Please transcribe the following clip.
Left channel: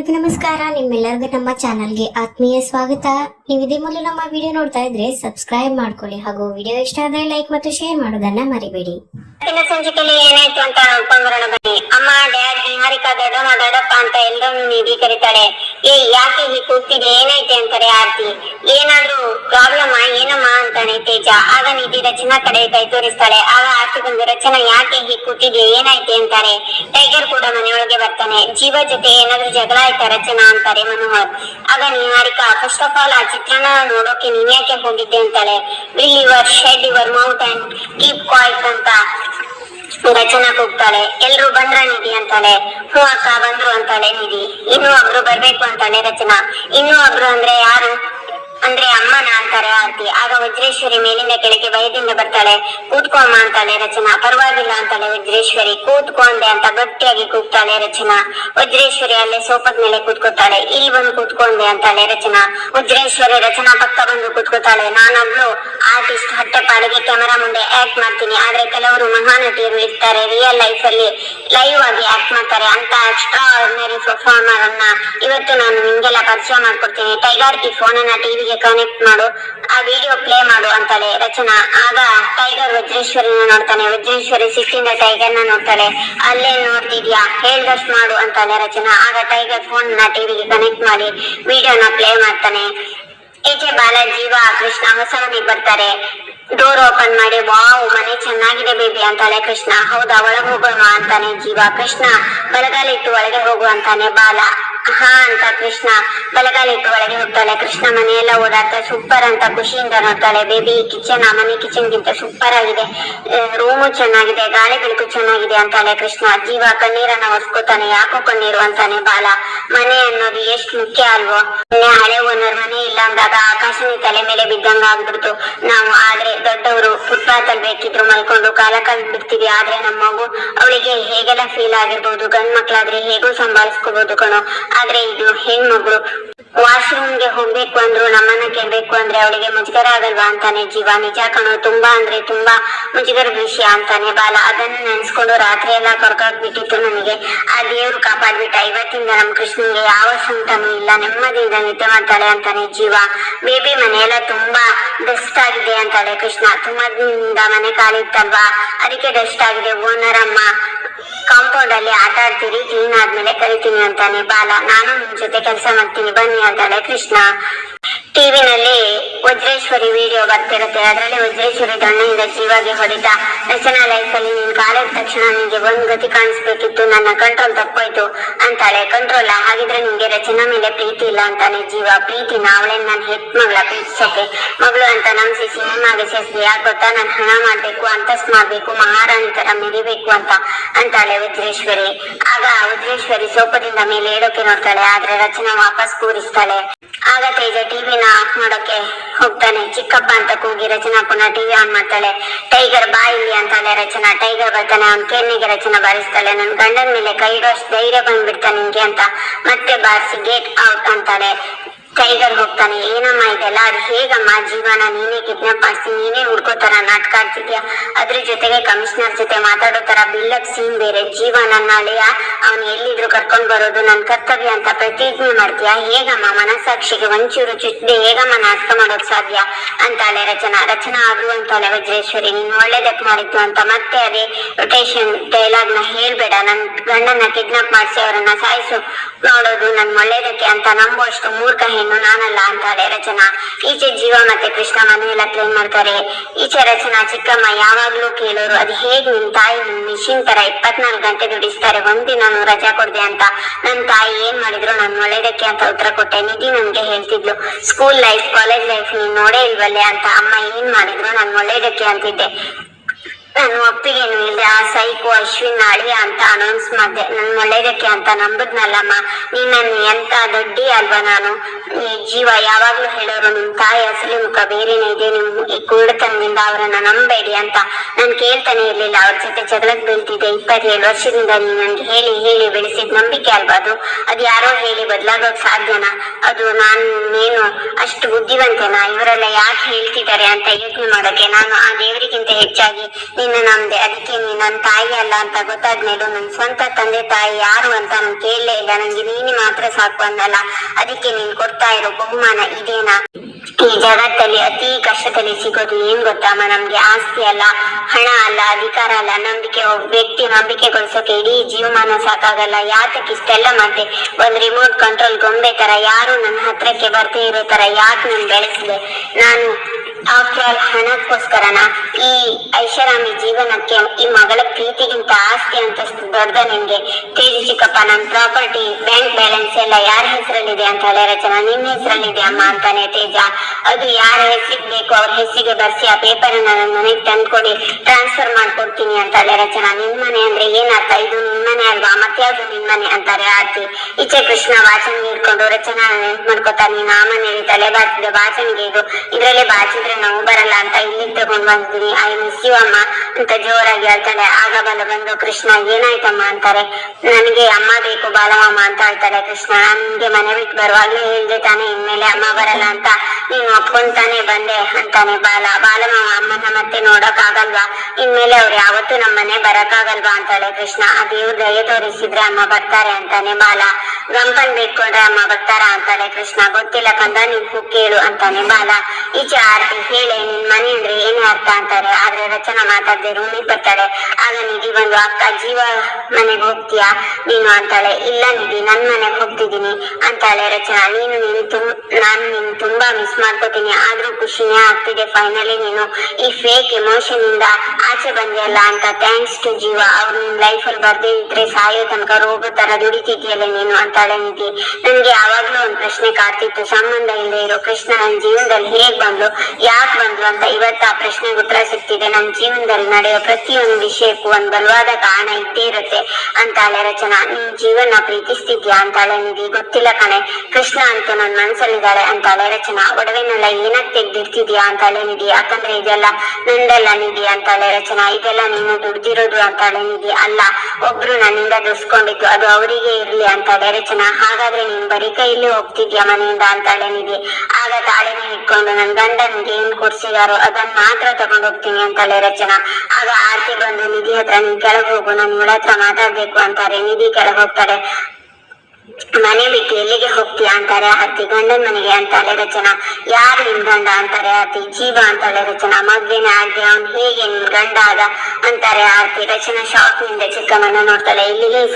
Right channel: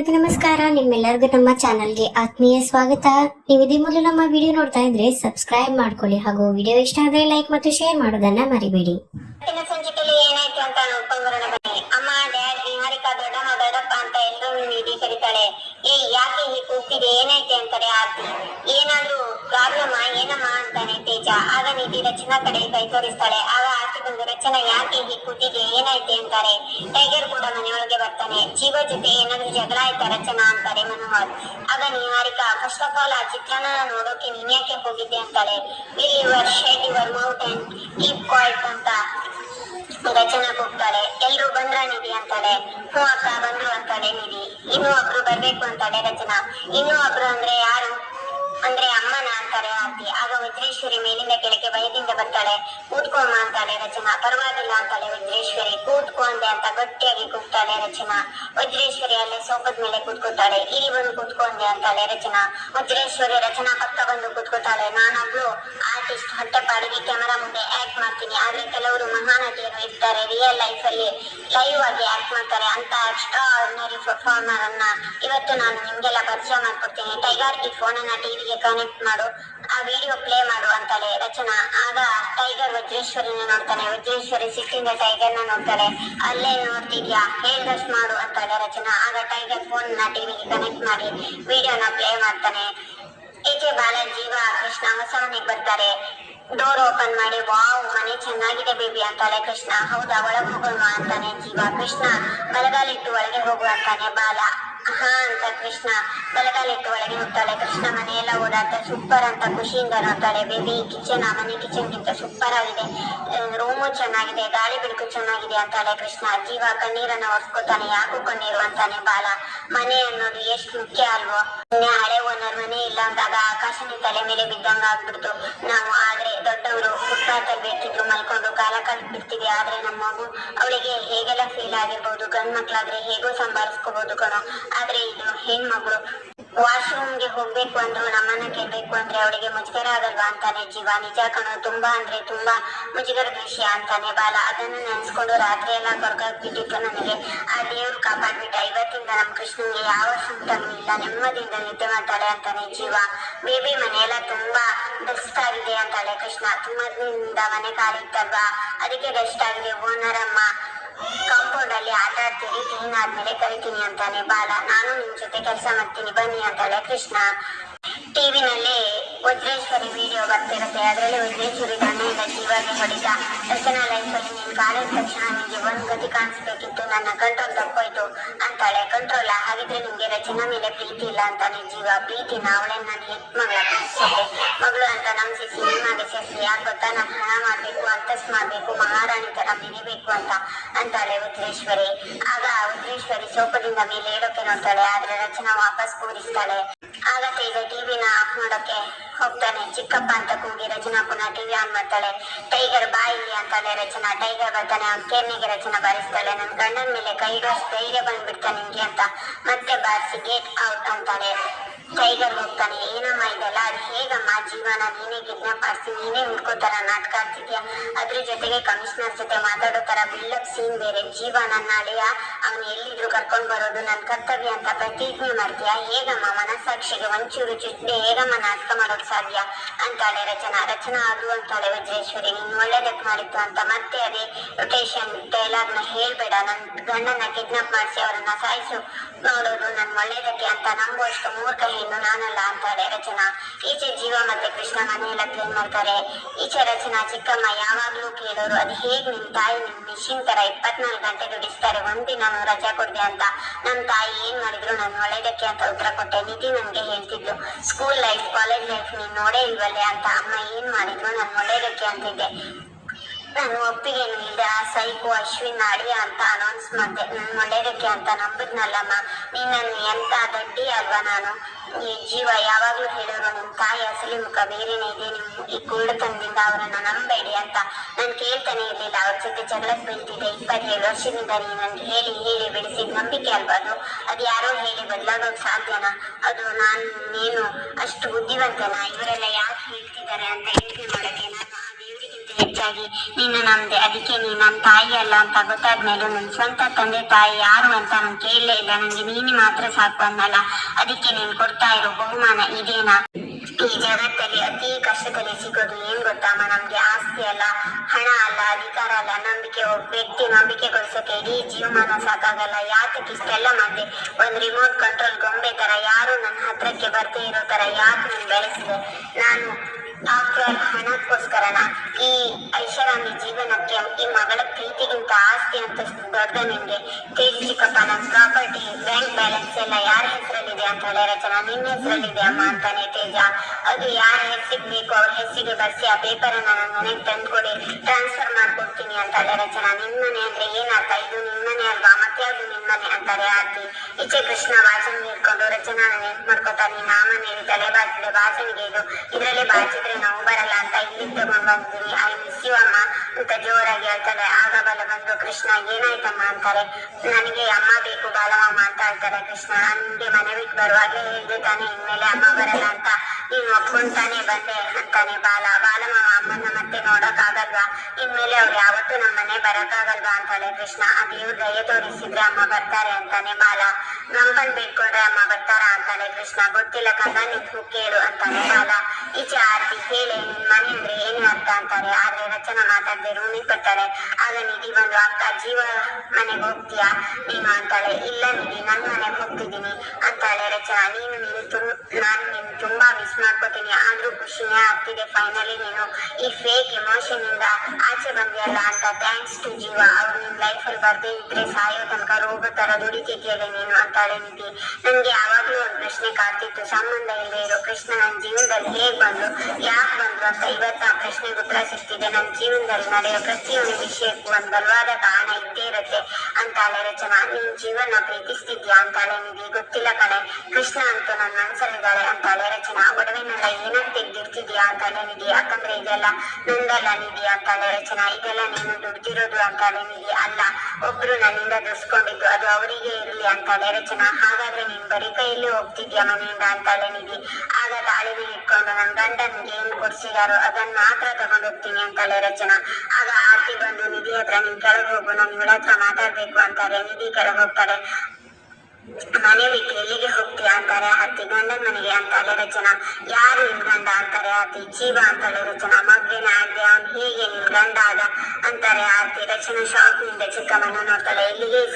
ಎಲ್ಲರಿಗೂ ನಮಸ್ಕಾರ. ನಿಮ್ಮೆಲ್ಲರಿಗೂ ನಮ್ಮ ಚಾನಲ್ಗೆ ಆತ್ಮೀಯ ಸ್ವಾಗತ. ನೀವು ಇದೇ ಮೊದಲು ನಮ್ಮ ವಿಡಿಯೋ ನೋಡ್ತಾ ಇದ್ರೆ ಸಬ್ಸ್ಕ್ರೈಬ್ ಮಾಡ್ಕೊಳ್ಳಿ ಹಾಗೂ ವಿಡಿಯೋ ಇಷ್ಟ ಆದ್ರೆ ಲೈಕ್ ಮತ್ತು ಶೇರ್ ಮಾಡೋದನ್ನ ಮರಿಬೇಡಿ. ಸಂಚಿಕೆಯಲ್ಲಿ ಏನಾಯ್ತು ಅಂತ ನೋಡ್ಕೊಂಡ್ ಬರೋಣ ಬನ್ನಿ. ಅಮ್ಮ, ಡ್ಯಾಡ್, ನಿಹಾರಿಕಾ ದೊಡ್ಡಮ್ಮ ದೊಡ್ಡಪ್ಪ ಅಂತ ಎಲ್ಲರನ್ನು ನಿಧಿ ಕರೀತಾಳೆ. ಯಾಕೆ ಹೀಗೆ ಕೂಗ್ತಿದೆ, ಏನೈತೆ ಅಂತಾರೆ ಆರ್ತಿ. ಏನಾದ್ರೂ ಪ್ರಾಬ್ಲಮ್ ಏನಮ್ಮ ಅಂತಾನೆ ತೇಜ. ಆಗ ನಿಧಿ ರಚನಾ ಕಡೆ ಕೈ ತೋರಿಸ್ತಾಳೆ. ಆಗ ಆರ್ತಿ ಬಂದು ರಚನಾ ಯಾಕೆ ಹೀಗೆ ಕೂತಿದೆ, ಏನೈತೆ ಅಂತಾರೆ. ಟೈಗರ್ ಕೂಡ ಮನೆಯೊಳಗೆ ಬರ್ತಾನೆ. ಜೀವ ಜೊತೆ ಏನಾದ್ರೂ ಜಗಳ ಆಯ್ತಾ ರಚನಾ ಅಂತಾರೆ ಮನೋಹರ್. ಆಗ ನಿಹಾರಿಕಾ ಫಸ್ಟ್ ಆಫ್ ಆಲ್ ಆ ಚಿತ್ರನ ನೋಡೋಕೆ ನೀನ್ ಯಾಕೆ ಹೋಗಿದ್ದೆ ಅಂತಾಳೆ. Will your shed your mouth and keep quiet ಅಂತ ರಚನಾ ಕೂಗ್ತಾಳೆ. ಎಲ್ರು ಬಂದ್ರ ನಿಧಿ ಅಂತಾಳೆ. ಹ್ಞೂ ಅಕ್ಕ ಬಂದ್ರು ಅಂತಾಳೆ ನಿಧಿ. ಇನ್ನೂ ಒಬ್ರು ಬರ್ಬೇಕು ಅಂತಾಳೆ ರಚನಾ. ಇನ್ನೂ ಒಬ್ರು ಅಂದ್ರೆ ಯಾರು ಅಂದ್ರೆ ಅಮ್ಮನ ಅಂತಾರೆ ಆರ್ತಿ. ಆಗ ವಜ್ರೇಶ್ವರಿ ಮೇಲಿಂದ ಕೆಳಗೆ ಭಯದಿಂದ ಬರ್ತಾಳೆ. ಕೂತ್ಕೊಮ್ಮ ಅಂತಾಳೆ ರಚನಾ. ಪರವಾಗಿಲ್ಲ ಅಂತಾಳೆ ವಜ್ರೇಶ್ವರಿ. ಕೂತ್ಕೊ ಅಂದೆ ಅಂತ ಗಟ್ಟಿಯಾಗಿ ಕೂಗ್ತಾಳೆ ರಚನಾ. ವಜ್ರೇಶ್ವರಿ ಅಲ್ಲೇ ಸೋಫಾದ ಮೇಲೆ ಕೂತ್ಕೋತಾಳೆ. ಇಲ್ಲಿ ಬಂದು ಕೂತ್ಕೊಂಡೆ ಅಂತಾಳೆ ರಚನಾ. ವಜ್ರೇಶ್ವರಿ ರಚನಾ ಪಕ್ಕ ಬಂದು ಕೂತ್ಕೋತಾಳೆ. ನಾನೊಬ್ಳು ಆರ್ಟಿಸ್ಟ್, ಹೊಟ್ಟೆ ಪಾಡಿಗೆ ಕ್ಯಾಮೆರಾ ಮುಂದೆ ಆಕ್ಟ್ ಮಾಡ್ತೀನಿ. ಆದ್ರೆ ಕೆಲವರು ಮಹಾನಟಿಯರು ಇರ್ತಾರೆ, ರಿಯಲ್ ಲೈಫ್ ಅಲ್ಲಿ ಲೈವ್ ಆಗಿ ಆಕ್ಟ್ ಮಾಡ್ತಾರೆ. ಅಂತ ಎಕ್ಸ್ಟ್ರಾ ಆರ್ಡಿನರಿ ಪರ್ಫಾರ್ಮರ್ ಅನ್ನ ಇವತ್ತು ನಾನು ನಿಮ್ಗೆಲ್ಲ ಪರಿಚಯ ಮಾಡ್ಕೊಡ್ತೀನಿ. ಟೈಗರ್ ಈ ಫೋನ್ ಅನ್ನ ಟಿವಿಗೆ ಕನೆಕ್ಟ್ ಮಾಡು, ಆ ವಿಡಿಯೋ ಪ್ಲೇ ಮಾಡು ಅಂತಾಳೆ ರಚನಾ. ಆಗ ಟೈಗರ್ ವಜ್ರೇಶ್ವರಿನ ನೋಡ್ತಾನೆ. ವಜ್ರೇಶ್ವರಿ ಸಿಟ್ಟಿಂದ ಟೈಗರ್ ನ ನೋಡ್ತಾಳೆ. ಅಲ್ಲೇ ನೋಡ್ತಿದ್ಯಾ, ಹೇಳ್ದಷ್ಟು ಮಾಡು ಅಂತಾಳೆ ರಚನಾ. ಆಗ ಟೈಗರ್ ಫೋನ್ ನ ಟಿವಿಗೆ ಕನೆಕ್ಟ್ ಮಾಡಿ ವಿಡಿಯೋನ ಪ್ಲೇ ಮಾಡ್ತಾನೆ. ಈಚೆ ಬಾಲ, ಜೀವ, ಕೃಷ್ಣ ಹೊಸ ಮನೆಗೆ ಬರ್ತಾರೆ. ಡೋರ್ ಓಪನ್ ಮಾಡಿ ವಾವ್ ಮನೆ ಚೆನ್ನಾಗಿದೆ ಬೇಬಿ ಅಂತಾಳೆ ಕೃಷ್ಣ. ಹೌದಾ, ಒಳಗೆ ಹೋಗೋಣ ಅಂತಾನೆ ಜೀವ. ಕೃಷ್ಣ ಬಲಗಾಲಿಟ್ಟು ಒಳಗೆ ಹೋಗು ಅಂತಾನೆ ಬಾಲ. ಹಾ ಅಂತ ಕೃಷ್ಣ ಬಲಗಾಲಿಟ್ಟು ಒಳಗೆ ಹೋಗ್ತಾಳೆ. ಕೃಷ್ಣ ಮನೆಯೆಲ್ಲ ಓಡಾಡ್ತಾ ಸೂಪರ್ ಅಂತ ಖುಷಿಯಿಂದ ನೋಡ್ತಾಳೆ. ಬೇಬಿ ಕಿಚನ್, ಆ ಮನೆ ಕಿಚನ್ ಗಿಂತ ಸೂಪರ್ ಆಗಿದೆ, ರೂಮು ಚೆನ್ನಾಗಿದೆ, ಗಾಳಿ ಬೆಳಕು ಚೆನ್ನಾಗಿದೆ ಅಂತಾಳೆ ಕೃಷ್ಣ. ಜೀವ ಕಣ್ಣೀರನ್ನ ಒರೆಸ್ಕೋತಾನೆ. ಯಾಕೋ ಕಣ್ಣೀರು ಅಂತಾನೆ ಬಾಲ. ಮನೆ ಅನ್ನೋದು ಎಷ್ಟು ಮುಖ್ಯ ಅಲ್ವೋ. ಹಳೆ ಓನರ್ ಮನೆ ಇಲ್ಲ ಅಂದಾಗ ಆಕಾಶನಿ ತಲೆ ಮೇಲೆ ಬಿದ್ದಂಗ ಆಗ್ಬಿಡ್ತು ನಾವು. ಆದ್ರೆ ದೊಡ್ಡವರು ಫುಟ್ಪಾತ್ ಅಲ್ಲಿ ಬೇಕಿದ್ರು ಮಲ್ಕೊಂಡು ಕಾಲ ಬಿಡ್ತೀವಿ. ಆದ್ರೆ ನಮ್ಮ ಮಗು, ಅವಳಿಗೆ ಹೇಗೆಲ್ಲ ಫೀಲ್ ಆಗಿರ್ಬೋದು. ಗಂಡ್ ಮಕ್ಳಾದ್ರೆ ಹೇಗೋ ಸಂಭಾಳಿಸ್ಕೋಬಹುದು ಕಣೋ. ಆದ್ರೆ ಇದು ಹೆಣ್ಮಗಳು ವಾಶ್ರೂಮ್ಗೆ ಹೋಗ್ಬೇಕು ಅಂದ್ರು, ನಮ್ಮನ್ನ ಕೇಳ್ಬೇಕು ಅಂದ್ರೆ ಅವಳಿಗೆ ಮುಜುಗರ ಆಗಲ್ವಾ ಅಂತಾನೆ ಜೀವ. ನಿಜ ಕಣೋ, ತುಂಬಾ ಅಂದ್ರೆ ತುಂಬಾ ಮುಜುಗರದ ವಿಷಯ ಅಂತಾನೆ ಬಾಲ. ಅದನ್ನ ನೆನ್ಸ್ಕೊಂಡು ರಾತ್ರಿ ಎಲ್ಲ ಕೊರಗಾಗ್ಬಿಟ್ಟಿತ್ತು ನನಗೆ. ಆ ದೇವ್ರು ಕಾಪಾಡ್ಬಿಟ್ಟ. ಇವತ್ತಿಂದ ನಮ್ ಕೃಷ್ಣನ್ಗೆ ಯಾವ ಸಂಕಟನೂ ಇಲ್ಲ, ನೆಮ್ಮದಿಯಿಂದ ನಿದ್ದೆ ಮಾಡ್ತಾಳೆ ಅಂತಾನೆ ಜೀವ. ಬೇಬಿ ಮನೆಯೆಲ್ಲ ತುಂಬಾ ಡಸ್ಟ್ ಆಗಿದೆ ಅಂತಾಳೆ ಕೃಷ್ಣ. ತುಂಬಾ ದಿನದಿಂದ ಮನೆ ಕಾಲಿತ್ತಲ್ವಾ, ಅದಕ್ಕೆ ಡಸ್ಟ್ ಆಗಿದೆ. ಓನರ್ ಅಮ್ಮ ಕಾಂಪೌಂಡ್ ಅಲ್ಲಿ ಆಟ ಆಡ್ತೀರಿ, ಕ್ಲೀನ್ ಆದ್ಮೇಲೆ ಕರಿತೀನಿ ಅಂತಾನೆ ಬಾಲ. ನಾನು ನಿಮ್ ಜೊತೆ ಕೆಲಸ ಮಾಡ್ತೀನಿ ಬನ್ನಿ ಅಂತಾಳೆ ಕೃಷ್ಣ. ಟಿವಿನಲ್ಲಿ ವಜ್ರೇಶ್ವರಿ ವಿಡಿಯೋ ಬರ್ತಿರುತ್ತೆ. ಅದರಲ್ಲಿ ವಜ್ರೇಶ್ವರಿ ದೊಣ್ಣೆಯಿಂದ ಜೀವಾಗಿ ಹೊಡಿತ. ರಚನಾ ಲೈಫ್ ಅಲ್ಲಿ ನೀನ್ ಕಾಲೇಜ್ ತಕ್ಷಣ ನಿನ್ಗೆ ಒಂದ್ ಗತಿ ಕಾಣಿಸ್ಬೇಕಿತ್ತು, ನನ್ನ ಕಂಟ್ರೋಲ್ ತಪ್ಪಾಯ್ತು ಅಂತಾಳೆ. ಕಂಟ್ರೋಲ್ ಹಾಗಿದ್ರೆ ನಿಮ್ಗೆ ರಚನಾ ಮೇಲೆ ಪ್ರೀತಿ ಇಲ್ಲ ಅಂತಾನೆ ಜೀವ. ಪ್ರೀತಿನ ಅವಳೇನ್ ನನ್ ಹೆತ್ ಮಗಳ ಪ್ರೀತಿಸೋಕೆ ಮಗಳು ಅಂತ ನಂಬಿಸಿ ಸಿನಿಮಾಗೆ ಸೇರಿಸಿ. ಯಾಕೆ ಗೊತ್ತಾ, ನಾನ್ ಹಣ ಮಾಡ್ಬೇಕು, ಅಂತಸ್ತು ಮಾಡ್ಬೇಕು, ಮಹಾರಾಣಿ ತರ ಮೆರಿಬೇಕು ಅಂತ ಅಂತಾಳೆ ವಜ್ರೇಶ್ವರಿ. ಆಗ ವಜ್ರೇಶ್ವರಿ ಸೋಪದಿಂದ ಮೇಲೆ ಹೇಳೋಕೆ ನೋಡ್ತಾಳೆ. ಆದ್ರೆ ರಚನಾ ವಾಪಸ್ ಕೂರಿಸ್ತಾಳೆ. ಆಗ ತೇಜ ಟಿವಿನ ಆಫ್ ಮಾಡೋಕೆ ಹೋಗ್ತಾನೆ. ಚಿಕ್ಕಪ್ಪ ಅಂತ ಕೂಗಿ ರಚನಾ ಪುನಃ ಟಿವಿ ಆನ್ ಮಾಡ್ತಾಳೆ. ಟೈಗರ್ ಬಾ ಇಲ್ಲಿ ಅಂತಾಳೆ ರಚನಾ. ಟೈಗರ್ ಬರ್ತಾನೆ. ಅವ್ನ ಕೆನ್ನಿಗೆ ರಚನಾ ಬಾರಿಸ್ತಾಳೆ. ನನ್ ಗಂಡನ ಮೇಲೆ ಕೈ ಇಡೋಷ್ಟು ಧೈರ್ಯ ಬಂದ್ಬಿಡ್ತಾ ನಿನ್ಗೆ ಅಂತ ಮತ್ತೆ ಬಾರಿಸಿ ಗೇಟ್ ಔಟ್ ಅಂತಾಳೆ. ಟೈಗರ್ ಹೋಗ್ತಾನೆ. ಏನಮ್ಮ ಇದೆಲ್ಲ, ಅದು ಹೇಗಮ್ಮ, ಜೀವನ ನೀನೇ ಕಿಡ್ನಾಪ್ ಮಾಡಿಸಿ ನೀನೇ ಹುಡ್ಕೋತರ ನಾಟಕ ಆಡ್ತಿದ್ಯಾ, ಅದ್ರ ಜೊತೆಗೆ ಕಮಿಷನರ್ ಜೊತೆ ಮಾತಾಡೋ ತರ ಬಿಲ್ಲಪ್ ಸೀನ್ ಬೇರೆ. ಜೀವ ನನ್ನ ಅಳಿಯ, ಅವ್ನು ಎಲ್ಲಿದ್ರು ಕರ್ಕೊಂಡ್ ಬರೋದು ನನ್ ಕರ್ತವ್ಯ ಅಂತ ಪ್ರತಿಜ್ಞೆ ಮಾಡ್ತೀಯಾ. ಹೇಗಮ್ಮ ಮನಸ್ಸಾಕ್ಷಿಗೆ ಒಂಚೂರು ಚುಚ್ಚದೆ ಹೇಗಮ್ಮ ನಾಟಕ ಮಾಡೋಕ್ ಸಾಧ್ಯ ಅಂತಾಳೆ ರಚನಾ. ರಚನಾ ಅದು ಅಂತಾಳೆ ವಜ್ರೇಶ್ವರಿ. ನೀನ್ ಒಳ್ಳೇದಕ್ ಮಾಡಿದ್ದು ಅಂತ ಮತ್ತೆ ಅದೇ ರೊಟೇಷನ್ ಡೈಲಾಗ್ ನ ಹೇಳ್ಬೇಡ. ನನ್ ಗಂಡನ್ನ ಕಿಡ್ನಾಪ್ ಮಾಡಿಸಿ ಅವರನ್ನ ಸಾಯಿಸು ನೋಡೋದು ನನ್ ಒಳ್ಳೇದಕ್ಕೆ ಅಂತ ನಂಬುವಷ್ಟು ಮೂರ್ಖ ಹೆಣ್ಣು ನಾನಲ್ಲ ಅಂತಾಳೆ ರಚನಾ. ಈಚೆ ಜೀವ ಮತ್ತೆ ಕೃಷ್ಣ ಮನೆಯೆಲ್ಲ ಕ್ಲೀನ್ ಮಾಡ್ತಾರೆ. ಈಚೆ ರಚನಾ ಚಿಕ್ಕಮ್ಮ ಯಾವಾಗ್ಲೂ ಕೇಳೋರು, ಅದು ಹೇಗ್ ನಿನ್ ತಾಯಿ ಮಿಷಿನ್ ತರ 24 ಗಂಟೆ ದುಡಿಸ್ತಾರೆ, ಒಂದಿನಾನು ರಜಾ ಕೊಡ್ದೆ ಅಂತ. ನನ್ ತಾಯಿ ಏನ್ ಮಾಡಿದ್ರು ನನ್ ಒಳ್ಳೇದಕ್ಕೆ ಅಂತ ಉತ್ತರ ಕೊಟ್ಟೆ. ನಿಧಿ ನನ್ಗೆ ಹೇಳ್ತಿದ್ಲು, ಸ್ಕೂಲ್ ಲೈಫ್ ಕಾಲೇಜ್ ಲೈಫ್ ನೀನ್ ನೋಡೇ ಇಲ್ವಲ್ಲೇ ಅಂತ. ಅಮ್ಮ ಏನ್ ಮಾಡಿದ್ರು ನನ್ ಒಳ್ಳೇದಕ್ಕೆ ಅಂತಿದ್ದೆ. ನಾನು ಒಪ್ಪಿಗೆನು ಇಲ್ಲದೆ ಆ ಸೈಕು ಅಶ್ವಿನ್ ಅಳಿಯ ಅಂತ ಅನೌನ್ಸ್ ಮಾಡಿದೆ. ನನ್ ಒಳ್ಳೇದಕ್ಕೆ ಅಂತ ನಂಬುದ್ನಲ್ಲಮ್ಮ. ನೀನ್ ನನ್ ಎಂತ ದೊಡ್ಡಿ ಅಲ್ವಾ ನಾನು. ಈ ಜೀವ ಯಾವಾಗ್ಲೂ ಹೇಳೋರು ನಿಮ್ ತಾಯಿ ಅಸಲಿ ಮುಖ ಬೇರೆನೇ ಇದೆ, ನೀವು ಈ ಕುರುಡತನದಿಂದ ಅವರನ್ನ ನಂಬೇಡಿ ಅಂತ. ನಾನು ಕೇಳ್ತಾನೆ ಇರ್ಲಿಲ್ಲ. ಅವ್ರ ಜೊತೆ ಜಗಳಕ್ಕೆ ಬೀಳ್ತಿದ್ದೆ. 27 ವರ್ಷದಿಂದ ನೀನ್ ನನ್ಗೆ ಹೇಳಿ ಹೇಳಿ ಬೆಳೆಸಿದ ನಂಬಿಕೆ ಅಲ್ವಾ ಅದು? ಅದು ಯಾರೋ ಹೇಳಿ ಬದ್ಲಾಗೋಕ್ ಸಾಧ್ಯನಾ? ಅದು ನಾನು ಅಷ್ಟು ಬುದ್ಧಿವಂತನಾ? ಇವರೆಲ್ಲ ಯಾಕೆ ಹೇಳ್ತಿದ್ದಾರೆ ಅಂತ ಯೋಚನೆ ಮಾಡೋಕೆ ನಾನು ಆ ದೇವರಿಗಿಂತ ಹೆಚ್ಚಾಗಿ ನಿನ್ನ ನಂಬ್ದೆ. ಅದಕ್ಕೆ ನೀನ್ ನನ್ನ ತಾಯಿ ಅಲ್ಲ ಅಂತ ಗೊತ್ತಾದ್ಮೇಲೂ ನನ್ನ ಸ್ವಂತ ತಂದೆ ತಾಯಿ ಯಾರು ಅಂತ ನಾನು ಕೇಳಲೇ ಇಲ್ಲ. ನಂಗೆ ನೀನು ಮಾತ್ರ ಸಾಕು ಅನ್ನಲ್ಲ. ಅದಕ್ಕೆ ನೀನ್ ಕೊಡ್ತಾ ಇರೋ ಬಹುಮಾನ ಇದೇನಾ? ಈ ಜಗತ್ತಲ್ಲಿ ಅತಿ ಕಷ್ಟದಲ್ಲಿ ಸಿಗೋದು ಏನ್ ಗೊತ್ತಮ್ಮ? ನಮ್ಗೆ ಆಸ್ತಿ ಅಲ್ಲ, ಹಣ ಅಲ್ಲ, ಅಧಿಕಾರ ಅಲ್ಲ, ನಂಬಿಕೆ. ಒಬ್ಬ ವ್ಯಕ್ತಿ ನಂಬಿಕೆಗೊಳಿಸೋಕೆ ಇಡೀ ಜೀವಮಾನ ಸಾಕಾಗಲ್ಲ. ಯಾತಕ್ಕೆ ಇಷ್ಟೆಲ್ಲ ಮಾಡ್ದೆ? ಒಂದ್ ರಿಮೋಟ್ ಕಂಟ್ರೋಲ್ ಗೊಂಬೆ ತರ ಯಾರು ನನ್ನ ಹತ್ರಕ್ಕೆ ಬರ್ದೇ ಇರೋ ತರ ಯಾಕೆ ನಾನು ಬೆಳೆಸಿದೆ? ನಾನು ಆಫ್ಟರ್ ಆಲ್ ಹಣಕ್ಕೋಸ್ಕರನ ಈ ಐಷಾರಾಮಿ ಜೀವನಕ್ಕೆ ಈ ಮಗಳ ಪ್ರೀತಿಗಿಂತ ಆಸ್ತಿ ಅಂತಸ್ತು ದೊಡ್ಡ ನಿಮ್ಗೆ? ತೇಜು ಚಿಕ್ಕಪ್ಪ, ನನ್ನ ಪ್ರಾಪರ್ಟಿ ಬ್ಯಾಂಕ್ ಬ್ಯಾಲೆನ್ಸ್ ಎಲ್ಲ ಯಾರ ಹೆಸರಲ್ಲಿದೆ ಅಂತ ಹೇಳಿ ರಚನಾ. ನಿನ್ನ ಹೆಸರಲ್ಲಿದೆ ಅಮ್ಮ ಅಂತಾನೆ ತೇಜ. ಅದು ಯಾರ ಹೆಸರಿಗೆ ಬೇಕು ಅವ್ರ ಹೆಸರಿಗೆ ಬರ್ಸಿ ಆ ಪೇಪರ್ ನನ್ನ ಮನೆಗೆ ತಂದ್ಕೊಡಿ, ಟ್ರಾನ್ಸ್ಫರ್ ಮಾಡ್ಕೊಡ್ತೀನಿ ಅಂತ ಹೇಳಿ ರಚನಾ. ನಿನ್ ಮನೆ ಅಂದ್ರೆ ಏನರ್ಥ? ಇದು ನಿನ್ ಮನೆ ಅಲ್ವಾ? ಮತ್ಯಾವ್ದು ನಿನ್ ಮನೆ ಅಂತಾರೆ ಆರ್ತಿ. ಈಚೆ ಕೃಷ್ಣ ವಾಚನ್ಗೆ ಹಿಡ್ಕೊಂಡು ರಚನಾ ನೆನ್ಪ್ ಮಾಡ್ಕೊತಾ, ನೀನ್ ಆ ಮನೆಯಲ್ಲಿ ತಲೆ ಬಾಚಿದೆ, ವಾಚನ್ಗೆ ಇದ್ರಲ್ಲೇ ಬಾಚಿದ್ರೆ ನಾವು ಬರಲ್ಲ ಅಂತ ಇಲ್ಲಿ ತಗೊಂಡ್ ಬಂದಿದ್ದೀನಿ. ಐ ಮಿಸ್ ಯು ಅಮ್ಮ ಅಂತ ಜೋರಾಗಿ ಹೇಳ್ತಾಳೆ. ಆಗ ಬಂದು ಕೃಷ್ಣ, ಏನಾಯ್ತಮ್ಮ ಅಂತಾರೆ. ನನಗೆ ಅಮ್ಮ ಬೇಕು ಬಾಲಮ್ಮ ಅಂತ ಹೇಳ್ತಾಳೆ ಕೃಷ್ಣ. ನನ್ಗೆ ಮನೆ ಬಿಟ್ಟು ಬರುವಾಗ್ಲೂ ಹೇಳ್ದೆ ತಾನೆ ಇನ್ಮೇಲೆ ಅಮ್ಮ ಬರಲ್ಲ ಅಂತ, ನೀನು ಒಪ್ಕೊಂತಾನೆ ಬಂದೆ ಅಂತಾನೆ ಬಾಲಮ್ಮ. ಅಮ್ಮನ ಮತ್ತೆ ನೋಡಕ್ ಆಗಲ್ವಾ? ಇನ್ಮೇಲೆ ಅವ್ರು ಯಾವತ್ತೂ ನಮ್ಮನೆ ಬರಕ್ಕಾಗಲ್ವಾ ಅಂತಾಳೆ ಕೃಷ್ಣ. ಆ ದೇವ್ರ ದಯೆ ತೋರಿಸಿದ್ರೆ ಅಮ್ಮ ಬರ್ತಾರೆ ಅಂತಾನೆ ಬಾಲ. ಗಂಪನ್ ಬೇಡ್ಕೊಂಡ್ರೆ ಅಮ್ಮ ಬರ್ತಾರ ಅಂತಾಳೆ ಕೃಷ್ಣ. ಗೊತ್ತಿಲ್ಲ ಕಂದ, ನೀನ್ ಕೇಳು ಅಂತಾನೆ ಬಾಲ. ಈಚೆ ಆರ್ತಿ, ಹೇಳೆ ನಿನ್ ಮನೆ ಅಂದ್ರೆ ಏನು ಅರ್ಥ ಅಂತಾರೆ. ಆದ್ರೆ ರಚನಾ ಮಾತಾಡದೆ ರೂಮಿಗೆ ಬರ್ತಾಳೆ. ಆಗ ನಿಧಿ ಬಂದು, ಅಕ್ಕ ಜೀವ ಮನೆಗೆ ಹೋಗ್ತೀಯಾ ನೀನು ಅಂತಾಳೆ. ಇಲ್ಲ ನಿಧಿ, ನನ್ ಮನೆಗೆ ಹೋಗ್ತಿದ್ದೀನಿ ಅಂತಾಳೆ ರಚನಾ. ನಾನು ನಿನ್ ತುಂಬಾ ಮಿಸ್ ಮಾಡ್ಕೋತೀನಿ, ಆದ್ರೂ ಖುಷಿನೇ ಆಗ್ತಿದೆ. ಫೈನಲಿ ನೀನು ಈ ಫೇಕ್ ಎಮೋಷನ್ ಇಂದ ಆಚೆ ಬಂದಿಯಲ್ಲ ಅಂತ. ಥ್ಯಾಂಕ್ಸ್ ಟು ಜೀವ. ಅವ್ರು ನಿನ್ ಲೈಫ್ ಅಲ್ಲಿ ಬರ್ದೇ ಇದ್ರೆ ಸಾಯೋ ತನಕ ರೋಗ ತರ ದುಡಿತಿದ್ಯಲ್ಲ ನೀನು ಅಂತಾಳೆ ನಿಧಿ. ನನ್ಗೆ ಯಾವಾಗ್ಲೂ ಒಂದ್ ಪ್ರಶ್ನೆ ಕಾಡ್ತಿತ್ತು, ಸಂಬಂಧ ಇಲ್ಲದೆ ಇರೋ ಕೃಷ್ಣ ನನ್ನ ಜೀವನದಲ್ಲಿ ಹೇಗ್ ಬಂದ್ರು, ಯಾಕೆ ಬಂದ್ರು ಅಂತ. ಇವತ್ತು ಆ ಪ್ರಶ್ನೆಗೆ ಉತ್ತರ ಸಿಗ್ತಿದೆ. ನಮ್ ಜೀವನದಲ್ಲಿ ನಡೆಯೋ ಪ್ರತಿಯೊಂದು ವಿಷಯಕ್ಕೂ ಒಂದ್ ಬಲವಾದ ಕಾರಣ ಇದ್ದೇ ಇರುತ್ತೆ ಅಂತಾಳೆ ರಚನಾ. ನಿನ್ ಜೀವನ ಪ್ರೀತಿಸ್ತಿದ್ಯಾ ಅಂತಾಳೆ ನಿಧಿ. ಗೊತ್ತಿಲ್ಲ ಕಣೆ, ಕೃಷ್ಣ ಅಂತ ನನ್ ಮನ್ಸಲ್ಲಿದ್ದಾಳೆ ಅಂತಾಳೆ ರಚನಾ. ಒಡವೆನೆಲ್ಲ ಏನಕ್ಕೆ ತೆಗ್ದಿರ್ತಿದ್ಯಾ ಅಂತಾಳೆ ನಿಧಿ. ಯಾಕಂದ್ರೆ ಇದೆಲ್ಲ ನಿಂದೆಲ್ಲ ನಿಧಿ ಅಂತಾಳೆ ರಚನಾ. ಇದೆಲ್ಲ ನೀನು ದುಡ್ದಿರೋದು ಅಂತಾಳೆ ನಿಧಿ. ಅಲ್ಲ, ಒಬ್ರು ನನ್ನಿಂದ ದುಸ್ಕೊಂಡಿದ್ದು, ಅದು ಅವರಿಗೆ ಇರ್ಲಿ ಅಂತಾಳೆ ರಚನಾ. ಹಾಗಾದ್ರೆ ನೀನ್ ಬರೀ ಕೈಯಲ್ಲಿ ಹೋಗ್ತಿದ್ಯಾ ಮನೆಯಿಂದ ಅಂತಾಳೆ ನಿಧಿ. ಆಗ ತಾಳಿನ ಇಟ್ಕೊಂಡು ನನ್ ಗಂಡನಿಗೆ ಏನ್ ಕೊಡ್ಸಿದಾರೋ ಅದನ್ನ ಮಾತ್ರ ತಗೊಂಡ್ ಹೋಗ್ತೀನಿ ಅಂತಾಳೆ ರಚನಾ. ಆಗ ಆರ್ತಿ ಬಂದು ನಿಧಿ ಹತ್ರ, ನೀನ್ ಕೆಳಗ್ ಹೋಗು, ನಾನು ಇವಳ ಹತ್ರ ಮಾತಾಡ್ಬೇಕು ಅಂತಾರೆ. ನಿಧಿ ಕೆಳಗ್ ಹೋಗ್ತಾರೆ. ಮನೆ ಬಿಟ್ಟು ಎಲ್ಲಿಗೆ ಹೋಗ್ತೀಯಾ ಅಂತಾರೆ ಆರ್ತಿ. ಗಂಡನ ಮನೆಗೆ ಅಂತಾಳೆ ರಚನಾ. ಯಾರು ನಿನ್ ಗಂಡ ಅಂತಾರೆ ಆರ್ತಿ. ಜೀವ ಅಂತಾಳೆ ರಚನಾ. ಮದ್ವೆನೇ ಆಗ್ದೆ ಅವ್ನ್ ಹೇಗೆ ನಿನ್ ಗಂಡ ಆದ ಅಂತಾರೆ ಆರ್ತಿ. ರಚನಾ ಶಾಕ್ ನಿಂದ ಚಿಕ್ಕಮ್ಮನ ನೋಡ್ತಾಳೆ. ಇಲ್ಲಿಗೆ ಈ